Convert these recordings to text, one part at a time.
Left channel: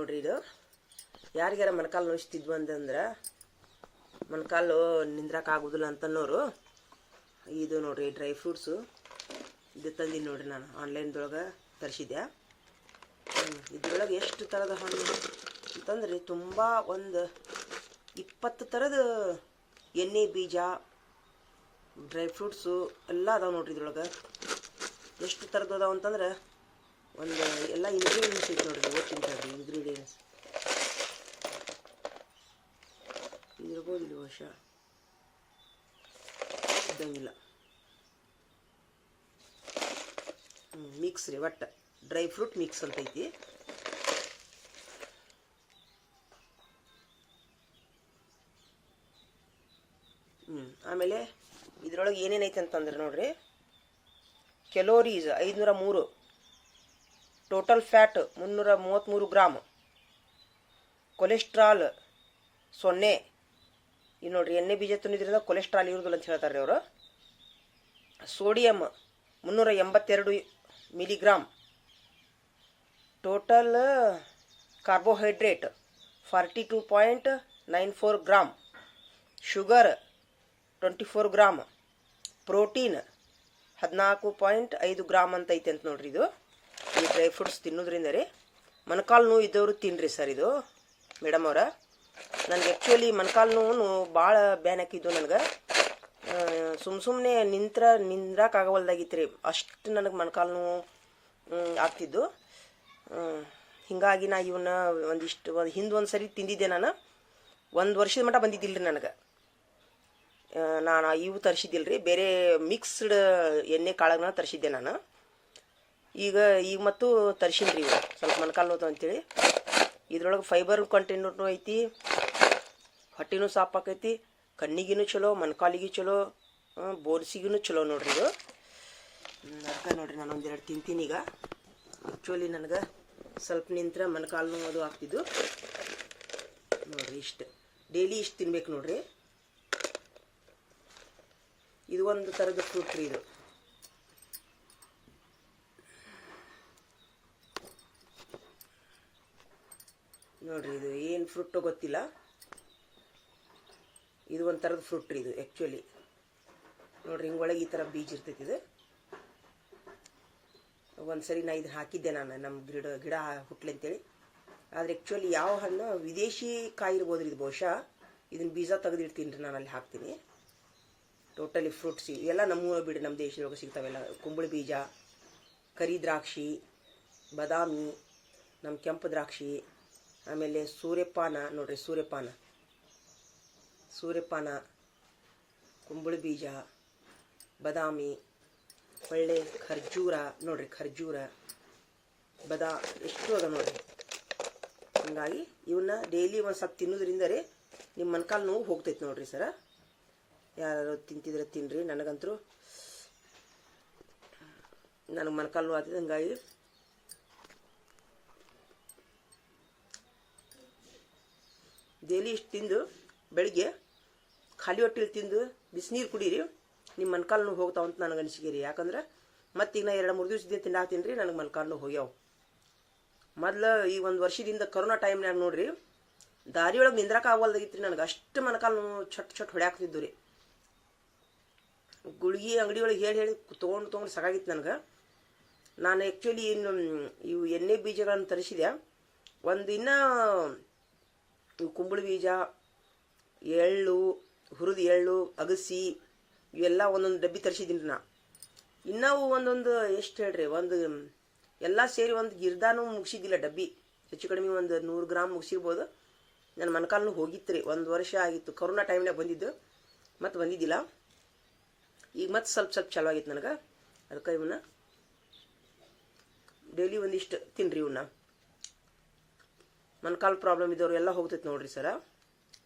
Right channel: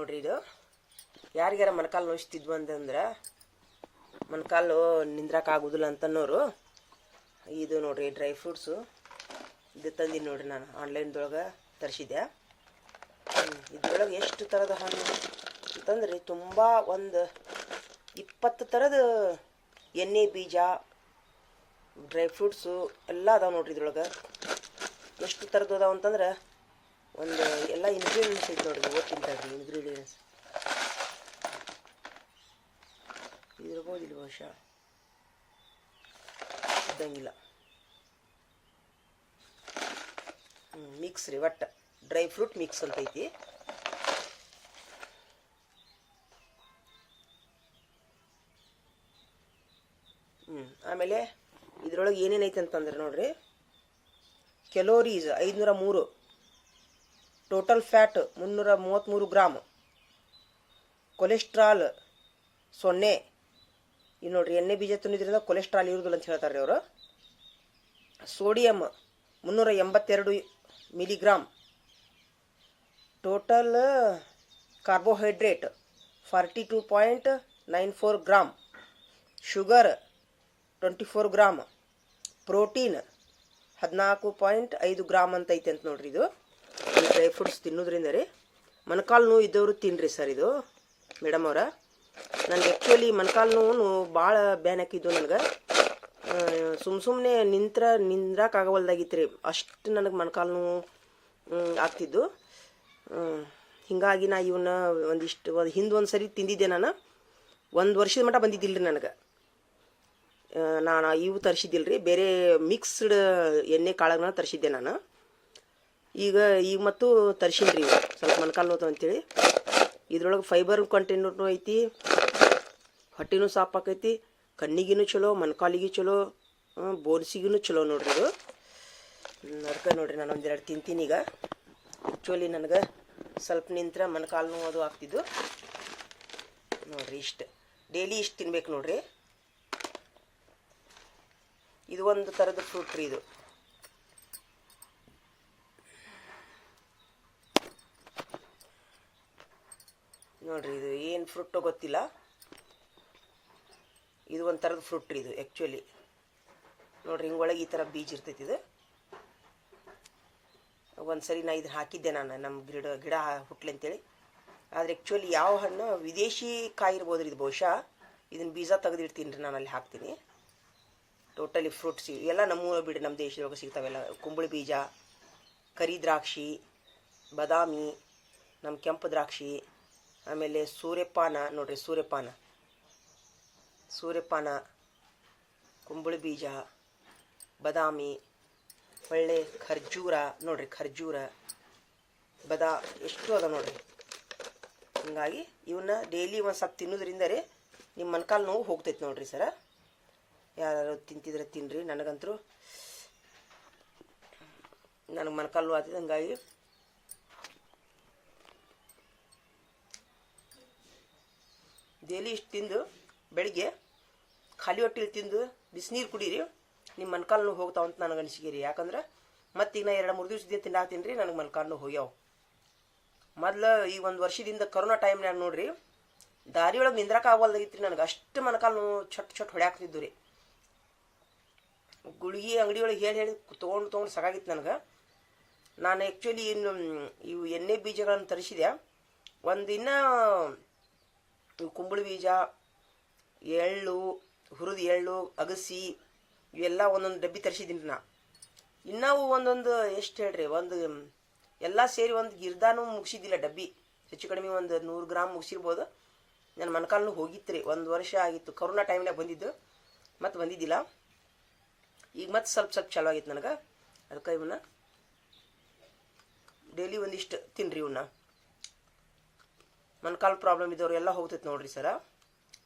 ನೋಡ್ರಿ ಇದು. ಯಾರಿಗಾರ ಮೊಣಕಾಲು ನೋಯಿಸ್ತಿದ್ವು ಅಂತಂದ್ರೆ ಮೊಣಕಾಲು ನಿಂದ್ರಕ್ಕೆ ಆಗೋದಿಲ್ಲ ಅಂತನ್ನೋರು. ಇದು ನೋಡ್ರಿ ಡ್ರೈ ಫ್ರೂಟ್ಸು. ಇದು ತಂದೀನಿ ನೋಡ್ರಿ ನಾನು ಆನ್ಲೈನ್ದೊಳಗೆ ತರಿಸಿದ್ದೆ. ಇದ್ರೊಳಗೆ ಎಷ್ಟು ಥರದ ಹಣ್ಣು ಅಂತಂದ್ರೆ ತುಂಬ ಒಂದು ಇಪ್ಪತ್ತು ಥರದ ಎಣ್ಣೆ ಬೀಜ, ಡ್ರೈ ಫ್ರೂಟ್ಸು ಎಲ್ಲ ಅದಾವೆ ನೋಡ್ರಿ ಇದ್ರೊಳಗೆ. ಎಷ್ಟು ಥರದ್ದು ಅದಾವ ಅಂತಂದ್ರೆ ಒಂದು ಎಲ್ಲ ಇಂಗ್ರೀಡಿಯೆಂಟ್ಸ್ ಐತೆ ನೋಡಿರಿ ಓದ್ತೀನಿ ತಡ್ರಿ ಇಂಗ್ರೀಡಿಯೆಂಟ್ಸ್ ಇಲ್ಲಿ ಇದ್ದಂಗಿಲ್ಲ. ಮಿಕ್ಸ್ ರೀ, ಒಟ್ಟು. ಡ್ರೈ ಫ್ರೂಟ್ ಮಿಕ್ಸ್ ಅಂತ ಐತಿ. ಹ್ಞೂ ಆಮೇಲೆ ಇದ್ರೊಳಗೆ ಏನೇನೈತೆ ಅಂತಂದ್ರೆ ನೋಡ್ರಿ. ಕೆಲೋರೀಸ್ ಐದುನೂರ ಮೂರು. ಟೋಟಲ್ ಫ್ಯಾಟ್ ಮುನ್ನೂರ ಮೂವತ್ತ್ಮೂರು ಗ್ರಾಮ್. ಕೊಲೆಸ್ಟ್ರಾಲ್ ಸೊನ್ನೆ. ಇದು ನೋಡ್ರಿ, ಎಣ್ಣೆ ಬೀಜ ತಿನ್ನೋದ್ರಿಂದ ಕೊಲೆಸ್ಟ್ರಾಲ್ ಇರೋದಿಲ್ಲ ಅಂತ ಹೇಳ್ತಾರೆ ಅವರು. ಸೋಡಿಯಂ ಮುನ್ನೂರ ಎಂಬತ್ತೆರಡು milligram. Total carbohydrate forty two point nine four gram. Sugar twenty four gram. Protein ಹದಿನಾಲ್ಕು ಪಾಯಿಂಟ್ ಐದು ಗ್ರಾಮ್ ಅಂತ ಐತೆ ಅಂತ ನೋಡ್ರಿ ಇದು. ಈ ಡ್ರೈ ಫ್ರೂಟ್ಸ್ ತಿನ್ನೋದ್ರಿಂದ ರೀ ಮೊಣಕಾಲು ನೋವು ಇದ್ದವರು ತಿನ್ನಿರಿ ಸರ್ ಇದು ಮೇಡಮ್ ಅವರ. ನನಗೆ ಆ್ಯಕ್ಚುಲಿ ಮೊಣಕಾಲು ನೋವು ಭಾಳ ಬ್ಯಾನ್ ಹಾಕಿದ್ದು ನನಗೆ. ಸುಮ್ ಸುಮ್ಮನೆ ನಿಂತ್ರ ನಿಂದ್ರಾಕಾಗವಲ್ದಾಗಿತ್ತು ರೀ ಅಷ್ಟು ನನಗೆ ಮೊಣಕಾಲು ನೋವು ಆಗ್ತಿದ್ದು. ಹಿಂಗಾಗಿ ನಾ ಇವನ್ನ ಒಂದಿಷ್ಟು, ಒಂದು ಹಿಂದೆ ಒಂದು ಸರಿ ತಿಂದಿದ್ದೆ ನಾನು. ಒಂದು ವರ್ಷದ ಮಟ್ಟ ಬಂದಿದ್ದಿಲ್ಲ ರೀ ನನಗೆ ನಾನು ಇವು ತರಿಸಿದ್ದಿಲ್ಲ ರೀ ಬೇರೆ ಮಿಕ್ಸ್ಡ್ ಎಣ್ಣೆ ಕಾಳನ್ನ ತರಿಸಿದ್ದೆ ನಾನು. ಈಗ ಈಗ ಮತ್ತು ತರಿಸಿನಿ ರೀ ಸ್ವಲ್ಪ ಮೊಣಕಾಲು ನೋವು ಅಂತೇಳಿ. ಇದ್ರೊಳಗೆ ಫೈಬರ್ ಕಂಟೆಂಟ್ನು ಐತಿ, ಹೊಟ್ಟಿನೂ ಸಾಫ್ ಆಕೈತಿ, ಕಣ್ಣಿಗಿನೂ ಚಲೋ ಮೊಣಕಾಲಿಗೂ ಚಲೋ ಬೋನ್ಸಿಗೂ ಚಲೋ ನೋಡ್ರಿ ಇದು. ಅದಕ್ಕೆ ನೋಡ್ರಿ ನಾನು ಒಂದೆರಡು ತಿಂತೀನಿ ಈಗ. ಆ್ಯಕ್ಚುಲಿ ನನಗೆ ಸ್ವಲ್ಪ ನಿಂತ್ರ ಮೊಣಕಾಲು ಅದು ಆಗ್ತಿದ್ದು. ನೋಡ್ರಿ ಇಷ್ಟು. ಡೈಲಿ ಇಷ್ಟು ತಿನ್ಬೇಕು ನೋಡ್ರಿ. ಇದು ಒಂದು ಥರದ ಫ್ರೂಟ್ ರೀ ಇದು ನೋಡ್ರಿ ಇದು ಏನು ಫ್ರೂಟ್ ಗೊತ್ತಿಲ್ಲ. ಇದು ಒಂಥರದ ಥರದ ಫ್ರೂಟ್ ಇದು ಆ್ಯಕ್ಚುಲಿ ನೋಡ್ರಿ, ಹಿಂಗೊಳಗೆ ಈ ಥರ ಬೀಜ ಇರ್ತೈತಿ ಇದು. ಒಂದು ಸರಿ ನಾ ಇದನ್ನ ಹಾಕಿದ್ದೆ ನಾನು ನಮ್ಮ ಗಿಡ ಗಿಡ ಹುಟ್ಲಿ ಅಂತೇಳಿ. ಆದರೆ ಆ್ಯಕ್ಚುಲಿ ಯಾವ ಹಣ್ಣು ವಿದೇಶಿ ಕಾಯಿ ಇರ್ಬೋದು ಇದು ಬಹುಶಃ. ಇದನ್ನ ಬೀಜ ತೆಗೆದಿಡ್ತೀನಿ ರೀ ನಾನು ಅಲ್ಲಿ ಹಾಕ್ತೀನಿ ಟೋಟಲಿ ಫ್ರೂಟ್ಸ್ ಇವೆಲ್ಲ ನಮ್ಮೂರ ಬಿಡಿ, ನಮ್ಮ ದೇಶದೊಳಗೆ ಸಿಗ್ತಾವೆಲ್ಲ. ಕುಂಬಳ ಬೀಜ, ಕರಿ ದ್ರಾಕ್ಷಿ, ಬಾದಾಮಿ, ನಮ್ಮ ಕೆಂಪು ದ್ರಾಕ್ಷಿ. ಆಮೇಲೆ ಸೂರ್ಯಪಾನ, ನೋಡ್ರಿ ಸೂರ್ಯಪಾನ. ಸೂರ್ಯಪಾನ, ಕುಂಬಳ ಬೀಜ, ಬದಾಮಿ, ಒಳ್ಳೆ ಖರ್ಜೂರ, ನೋಡ್ರಿ ಖರ್ಜೂರ, ಬದಾ, ಎಷ್ಟು ಅದ ನೋಡ್ರಿ. ಹಂಗಾಗಿ ಇವನ್ನ ಡೈಲಿ ಒಂದು ಸ್ವಲ್ಪ ತಿನ್ನೋದ್ರಿಂದ ರೀ ನಿಮ್ಮ ಮೊಣಕಾಲು ನೋವು ಹೋಗ್ತೈತೆ ನೋಡ್ರಿ ಸರ. ಯಾರು ತಿಂತಿದ್ರೆ ತಿನ್ರಿ, ನನಗಂತರೂ ನನಗೆ ಮೊಣಕಾಲು ನೋವು ಆಗ್ತದೆ ಹಂಗಾಗಿ ಡೈಲಿ ಇಷ್ಟು ತಿಂದು ಬೆಳಿಗ್ಗೆ ಖಾಲಿ ಹೊಟ್ಟೆಲಿ ತಿಂದು ಬಿಸಿನೀರು ಕುಡೀರಿ ನಿಮ್ಮ ಮನ್ಕಾಲು ನೋವು ಹೋಗ್ತಾವ ಅಂತ ನನಗೆ ಅನಿಸಿಕೆ ಯಾಕಂದ್ರೆ ಮತ್ತೀಗ ನಾ ಎರಡು ಮೂರು ದಿವಸದಿಂದ ಹಾಕ್ತೀನಿ ರೀ ನನಗೆ ಮೊಣಕಾಲು ನೋವು ಹೋಗ್ಯಾವ. ಮೊದ್ಲು ಈ ಒಂದು ವರ್ಷದಿಂದ ಕರೋನಾ ಟೈಮ್ನಾಗ ನೋಡ್ರಿ ದಾರಿಯೊಳಗೆ ನಿಂದ್ರಕ ಆಗವಲ್ದಾಗಿತ್ತು ರೀ ನನಗೆ. ಅಷ್ಟು ಮನಕಾಲು ನೋವು ಚೊಟ್ ಹೊಡ್ಯಾಕ್ತಿದ್ದು ರೀ ಗುಳಿಗೆ ಅಂಗಡಿಯೊಳಗೆ ಹೇಳಿ ಹೇಳಿ ತೊಗೊಂಡು ತೊಗೊಂಡು ಸಾಕಾಗಿತ್ತು ನನಗೆ. ನಾನು ಆ್ಯಕ್ಚುಲಿ ಇನ್ನು, ಇವು ಎಣ್ಣೆ ಬೀಜಗಳನ್ನು ತರಿಸಿದೆ. ಒಂದು ಇನ್ನೂ ಕುಂಬಳ ಬೀಜ, ಎಳ್ಳು, ಹುರಿದ ಎಳ್ಳು, ಅಗಸಿ, ಇವೆಲ್ಲ ಒಂದೊಂದು ಡಬ್ಬಿ ತರಿಸಿದ್ದೀನಿ ನಾ. ಇನ್ನೂ ಒಂದೊಂದು, ಎಷ್ಟು ಹೇಳ್ರಿ, ಒಂದು, ಎಲ್ಲ ಸೇರಿ ಒಂದು ಗಿರ್ದಾನು ಮುಗಿಸಿದ್ದಿಲ್ಲ ಡಬ್ಬಿ. ಹೆಚ್ಚು ಕಡಿಮೆ ಒಂದು ನೂರು ಗ್ರಾಮ್ ಮುಗಿಸಿರ್ಬೋದು. ನನ್ನ ಮೊಣಕಾಲು ಹೋಗಿತ್ತು ರೀ ಒಂದು ವರ್ಷ ಆಗಿತ್ತು. ಕರೋನಾ ಟೈಮ್ನಾಗ ಬಂದಿದ್ದು, ಮತ್ತು ಬಂದಿದ್ದಿಲ್ಲ. ಈಗ ಮತ್ತೆ ಸ್ವಲ್ಪ ಸ್ವಲ್ಪ ಚಲೋ ಆಗಿತ್ತು ನನಗೆ. ಅದಕ್ಕೆ ಇವನ್ನ ಡೈಲಿ ಒಂದಿಷ್ಟು ತಿನ್ರಿ ಇವನ್ನ ಮೊಣಕಾಲು ಪ್ರಾಬ್ಲಮ್ ಇದ್ದವ್ರು ಎಲ್ಲ ಹೋಗ್ತೈತೆ ನೋಡ್ರಿ ಸರ.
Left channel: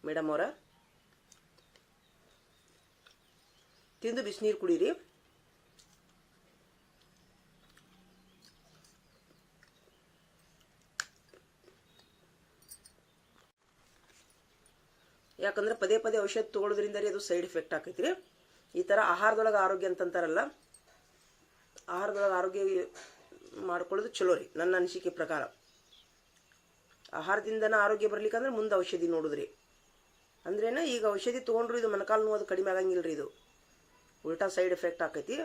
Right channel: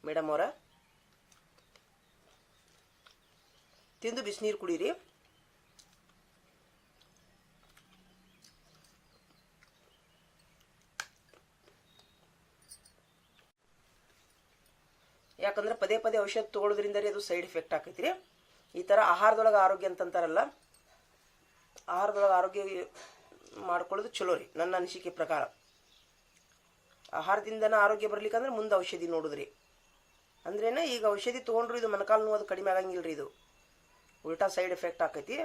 ಮೇಡಮ್ ಅವರ. ತಿಂದು ಬಿಸಿನೀರು ಕುಡೀರಿ. ಯಾಕಂದ್ರೆ ಪದೇ ಪದೇ ಔಷಧ ತಗೊಳ್ಳೋದ್ರಿಂದ ಅದು ಸೈಡ್ ಎಫೆಕ್ಟ್ ಆಕೈತಿ ಈ ಥರ ಆಹಾರದೊಳಗೆ ಆರೋಗ್ಯ ಅಂತಂತಾರಲ್ಲ, ಆಹಾರದೊಳಗೆ ಆರೋಗ್ಯ ಮಾಡ್ಕೊಳ್ಳೋದು ಚಲೋ ರೀ, ನನ್ನ ಅನಿಸಿಕೆ ಪ್ರಕಾರ. ಆಹಾರದಿಂದನ ಆರೋಗ್ಯ ಬರ್ಲಿಕ್ಕಂದ್ರೆ ಮುಂದೆ ಔಷಧಿ ನೋಡುದ್ರಿ. ಅಂದ್ರೇನ ಈಗ ಔಷಧಿ ತೊಗೊಂಡ್ರು ಇದು ಮೊಣಕಾಲು ನೋವು ಕಡಿಮೆ ಆಗಂಗಿಲ್ಲ ರೀ ಇದು. ಉಲ್ಟಾ ಸೈಡ್ ಎಫೆಕ್ಟ್ ಆಕೈತಿ.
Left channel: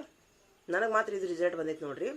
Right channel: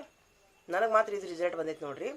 ನನಗೆ ಮಾತ್ರ ಇದು ರಿಸಲ್ಟ್ ಬಂದೈತಿ ನೋಡ್ರಿ.